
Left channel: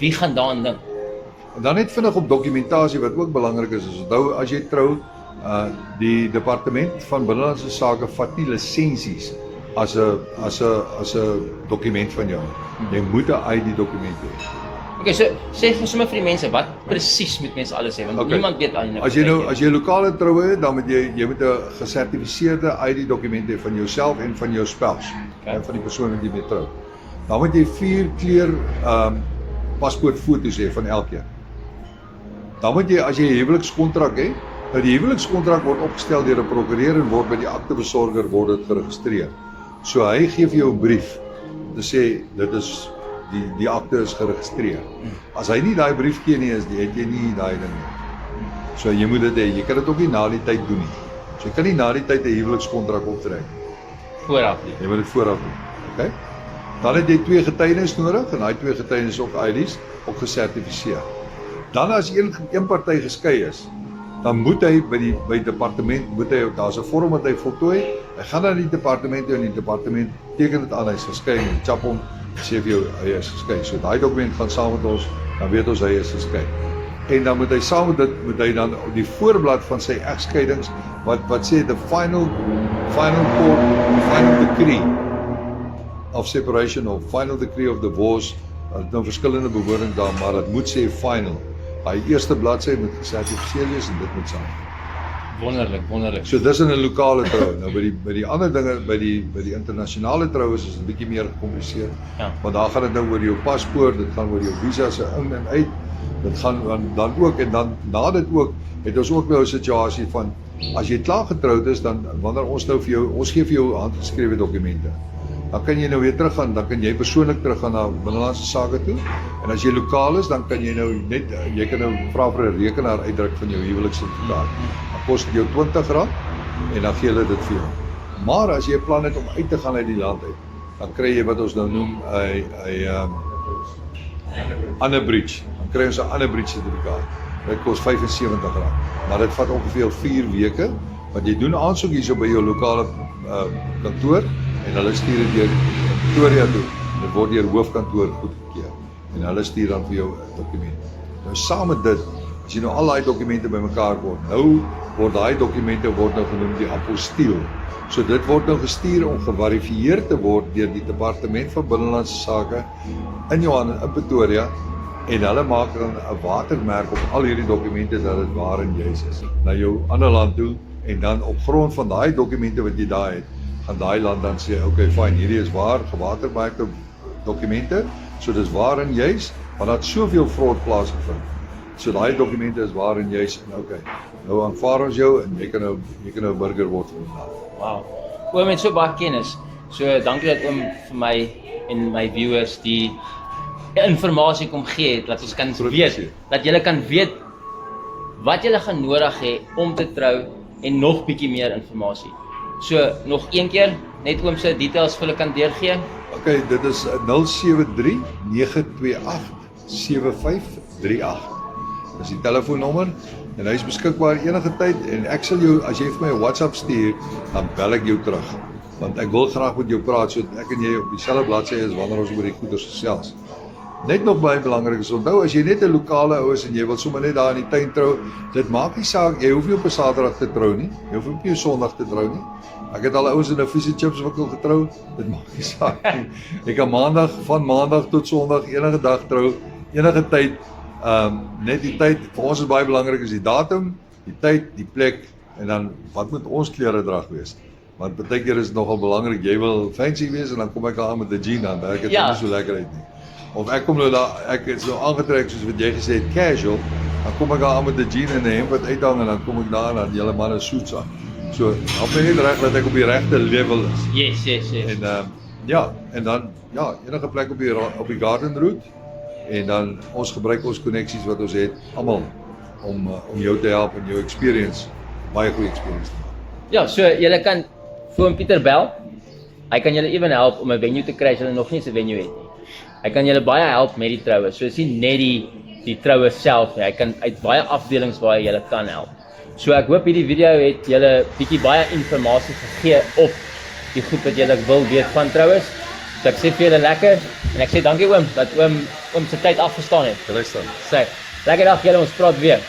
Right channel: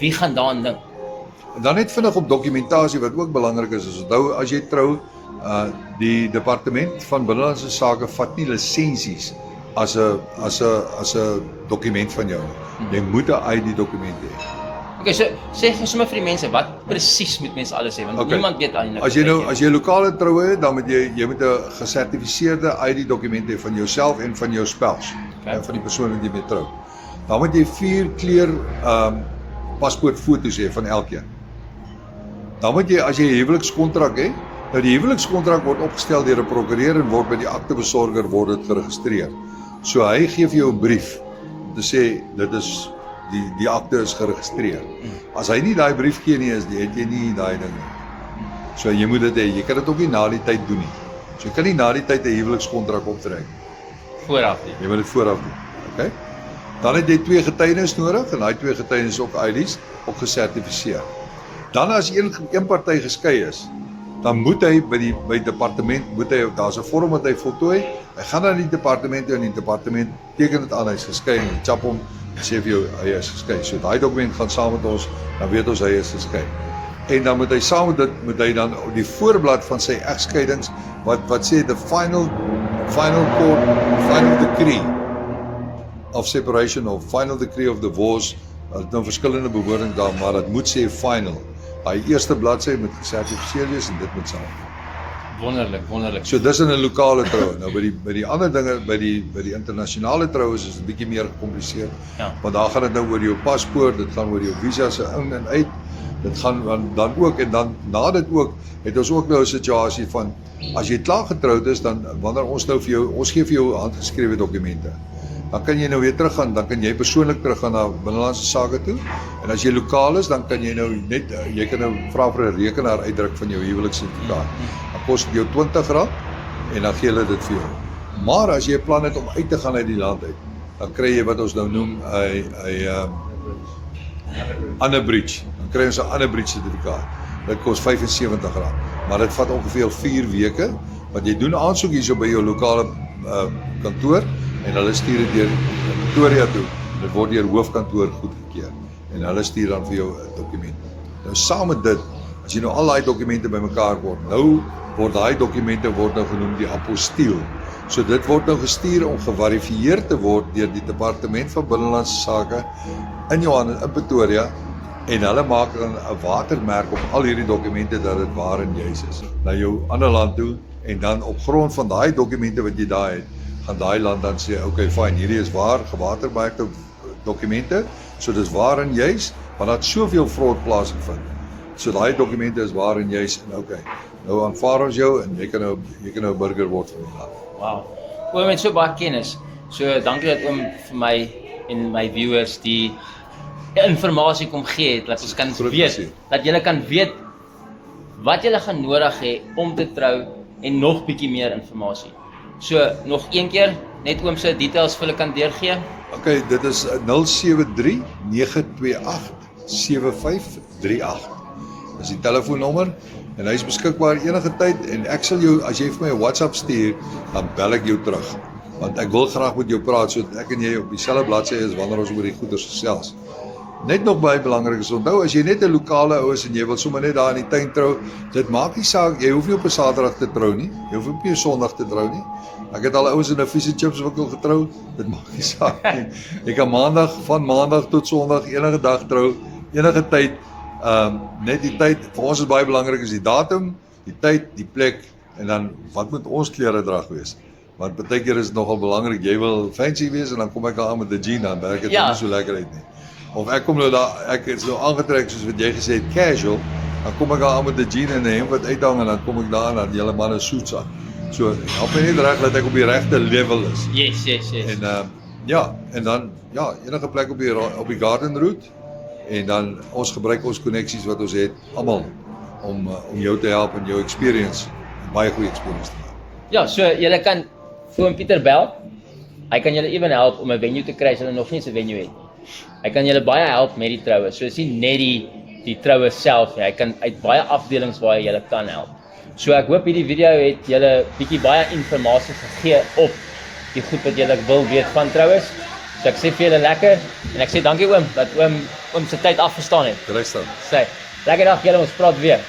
wie gaan daaraan dink? En dan net vinnig op dokumentasie wat ook belangrik is onthou as jy trou, die departement van binnelandse sake vat nie lisensies as 'n dokument van jou. Jy moet 'n ID dokument hê. Okay, so sê vir sommer vir die mense wat presies moet mense alles hê want niemand weet al nie. As jy lokale troue het, dan moet jy moet 'n gesertifiseerde ID dokument hê van jouself en van jou spouse, en van die persoon wat jy mee trou. Dan moet jy 4 kleur paspoortfoto's hê van elkeen. Dan moet jy as jy 'n huwelikskontrak het, nou die huwelikskontrak word opgestel deur 'n prokureur en word by die aktebesorger word dit geregistreer. So hy gee vir jou 'n brief om te sê dit is die akte is geregistreer. As hy nie daai brief gee nie, het jy nie daai ding nie. So jy moet dit hê. Jy kan dit ook nie na die tyd doen nie. So jy kan nie na die tyd 'n huwelikskontrak optrek vooraf nie. Jy moet dit vooraf doen. Okay? Dan het jy 2 getuienis nodig en daai 2 getuienis op ID's ook gesertifiseer. Dan as een party geskei is, dan moet hy by departement daar's 'n vorm wat hy voltooi. Hy gaan na die departement toe en die departement teken dit aan, hy's geskei en chap hom sê vir jou hy is geskei. So daai dokument gaan saam met ons, dan weet ons hy is geskei. En dan moet hy saam met dit moet hy dan die voorblad van sy egskeidings wat sê the final decree of separation of final decree of divorce. Dit nou verskillende bewoordings daar, maar dit moet sê final. Daai eerste bladsy moet gesertifiseer wees en dit moet saam. Wonderlik. So dis in 'n lokale troue. Nou by die ander dinge, by die internasionale troues is dit 'n bietjie meer gecompliseerd. Ja. Want daar gaan dit nou oor jou paspoort, dit gaan oor jou visa se in en uit. Dit gaan dan ook en dan na dit ook het ons ook nou 'n situasie van as jy klaar getroud is dan wanneer ons nou vir jou ons gee vir jou handgeskrewe dokumente. Dan kan jy nou weer teruggaan, dan kan jy persoonlik teruggaan na binnelandse sake toe. En as jy lokaal is, dan kan jy nou net jy kan nou vra vir 'n rekenaar uitdruk van jou huweliksertifikaat. Dan kos dit jou R20 en dan gee hulle dit vir jou. Maar as jy plan het om uit te gaan uit die land uit, dan kry jy wat ons nou noem 'n unabridged. Dan kry ons 'n unabridged sertifikaat. Dit kos R75. Maar dit vat ongeveer 4 weke, want jy doen aansoek hierso by jou lokale kantoor en hulle stuur dit deur Pretoria toe. Dit word deur hoofkantoor goedgekeur en hulle stuur dan vir jou 'n dokument. Nou saam met dit, as jy nou al daai dokumente bymekaar word, nou word daai dokumente word nou genoem die apostiel. So dit word nou gestuur om geverifieer te word deur die departement van binnelandse sake in Pretoria en hulle maak dan 'n watermerk op al hierdie dokumente dat dit waar en juis is na jou ander land toe en dan op grond van daai dokumente wat jy daai het, gaan daai land dan sê, okay, fine, hierdie is waar, gewatermerkte dokumente, so dis waar en juis, maar dat soveel fraud plaasgevind. So daai dokumente is waar en juis en okay. Nou aanvaar ons jou en jy kan nou 'n burger word van die land. Wow. Oom het so baie kennis. So dankie dat oom vir my en my viewers die inligting kom gee het, dat ons kan weet, dat julle kan weet wat julle gaan nodig hê om te trou en nog bietjie meer inligting. So nog een keer, net oom se details vir hulle kan deurgee. Okay, dit is 073 928 7538. Dis die telefoonnommer en hy is beskikbaar enige tyd en ek sal jou, as jy vir my 'n WhatsApp stuur, dan bel ek jou terug. Want ek wil graag met jou praat sodat ek en jy op dieselfde bladsy is wanneer ons oor die goeders gesels. Net nog baie belangrik is onthou, as jy net 'n lokale ou is en jy wil sommer net daar in die tuin trou, dit maak nie saak, jy hoef nie op 'n Saterdag te trou nie, jy hoef op 'n Sondag te trou nie. Ek het al ouens in 'n fish and chips winkel getrou, dit maak nie saak nie. Jy kan van maandag tot Sondag enige dag trou, enige tyd. Net die tyd, vir ons is baie belangrik is die datum, die tyd, die plek en dan wat moet ons kleredrag wees? Want baie keer is dit nogal belangrik, jy wil fancy wees en dan kom ek aan met 'n jean aan, werk dit nie so lekker uit nie. Of ek kom nou daar, ek is nou aangetrek soos wat jy gesê het, casual, dan kom ek aan met 'n jean en 'n hemp wat uithang en dan kom ek daar en dan julle manne suits aan. So, help my net reg dat ek op die regte level is. Yes. En en dan enige plek op die garden route en dan ons gebruik ons koneksies wat ons het almal om jou te help in jou experience, baie goeie experience te maak. Ja, so julle kan vir oom Pieter bel. Hy kan julle ewen help om 'n venue te kry as julle nog nie 'n venue het nie. Hy kan julle baie help met die troue. So is nie net die troue self nie. Hy kan uit baie afdelings waar hy julle kan help. So ek hoop hierdie video het julle bietjie baie inligting gegee op die goed wat julle wil weet van troues. So ek sê vir julle lekker en ek sê dankie oom dat oom se tyd afgestaan het. Rustig. Sê, lekker dag julle, ons praat weer.